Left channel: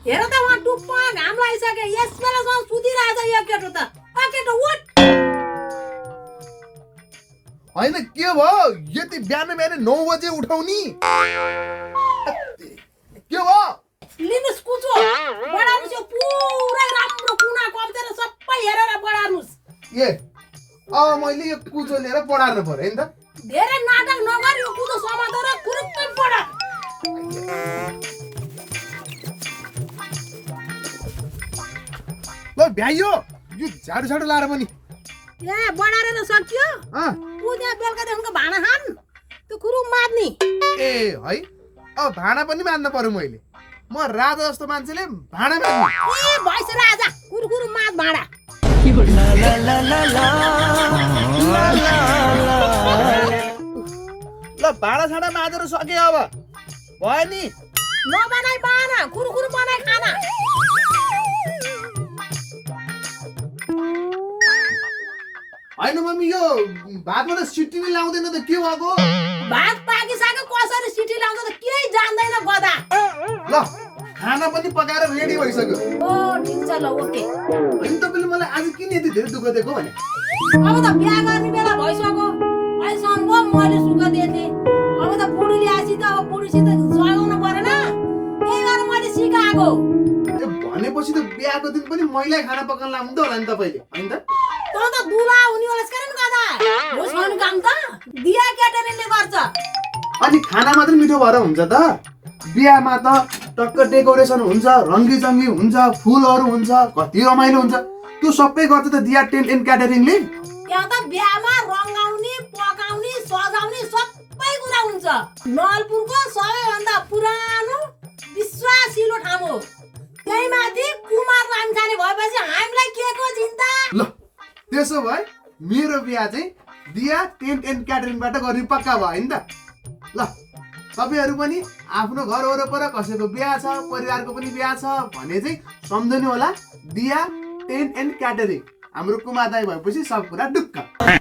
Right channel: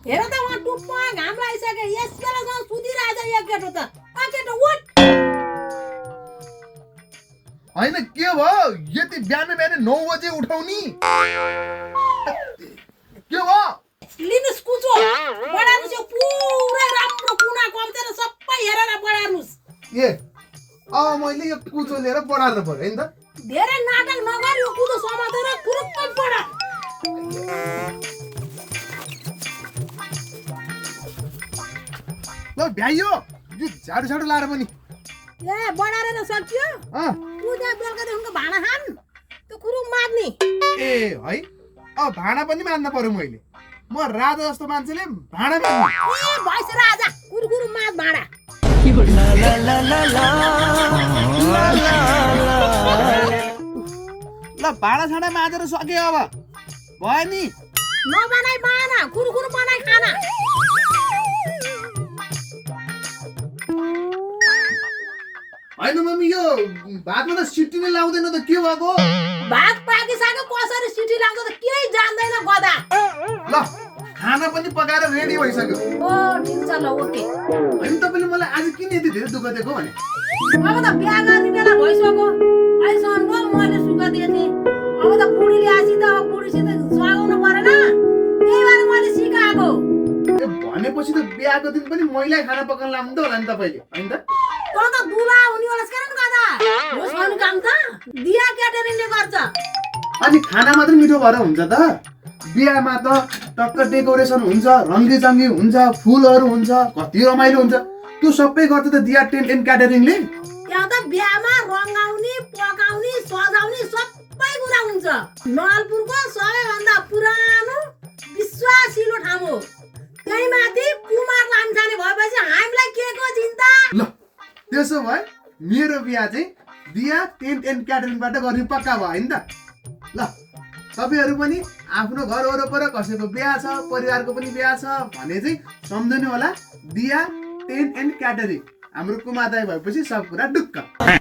हेर त वहाँ टुप्पा घाम लागिसक्यो यस बेलासम्म सुतिरहेछ यो केटो त केटो उठ होइन के भयो यति बिहान 9 बजे उठाउने के भयो लिनुस् कुचो बढार्नुस् यो पुरै राम्रो कुना कम्तेर सबै हेरेर बढार्नुस् ए अब मैले यो कुचो लिएर बढार्नु पर्यो होइन त धेरै नाटक नगर यो कुचो समातेर पुरुक्क बढा ल भ्याइयो यो झाडु झाडु लाएर पनि ए बढारेर सक्यो पुजा बेलुकादेखिको भाँडा खान त्यो कुरुम मार्ने ए है अब भाँडा पनि मान्नु पर्यो मैले म राजा जस्तो मान्छेले भाँडा मान्नु ए भइस राजा कुरकुरु मार् भाँडा ल भाँडा साँडा माझेर सके अब भयो नि नबनाइ बाना कुरकुरु बनाइ खाना होइन मम्मी यो भातमा त सिटी नै लाउँदैन त के भएको भात पाकिसक्यो कसरी सिटी लाग्छ त केही जान्दैन गदा ल खाना पनि पकाएर रेडी भइसक्यो ओ ठिक छ ल ओके होइन तपाईँले मलाई आज किन यति धेरै दुःख दिएको भने अब त बिहा गर्ने बेला भइसक्यो अहिलेसम्म पो मैले सुख दिएँ अब त बुढीले आसी त अब बुढीसित सघाउनु परेन त्यही भएर मैले सिकाएको ए भनेपछि त बिहाको दिन पनि महिलाई खाना पकाउन लाउँदो होला नि तपाईँले होइन त तँ त दुला हुने होला कारण गदा होस् काम त बिहा क्याटरिङले गर्छ अनि खाना मात्रै मिठो भएर हुन्छ त बिहामा त टक्क डेकोरेसन हुन्छ रङ्गीचङ्गी हुन्छ फुलहरू हुन्छ कति रमाइलो हुन्छ त्यो सबै गर्छ त दिया टेन्ट एन्ड क्याटरिङले यहाँ त बिहामा रङ्गाउने पकाउने सजाउने सबै कुरा हुन्छ नलपुरको सबैभन्दा पुरानो विश्वासिलो ठाउँ हो त्यही माथि कुमार लामखाने भएपछि हामीलाई के को चिन्ता ल त्यसो भए मेरो बिहा चाहिँ दिया टेन्ट एन्ड क्याटरिङबाट गर्ने पक्का भयो होइन त ल तपाईँहरू पनि आफ्नो घर वरपर कसैको बिहा छ परिवारको पनि बिहा छ भने चाहिँ सम्झनु होला दिया टेन्ट एन्ड क्याटरिङ हाम्रो कुमार दाइ भएपछि सब कुरा ढुक्क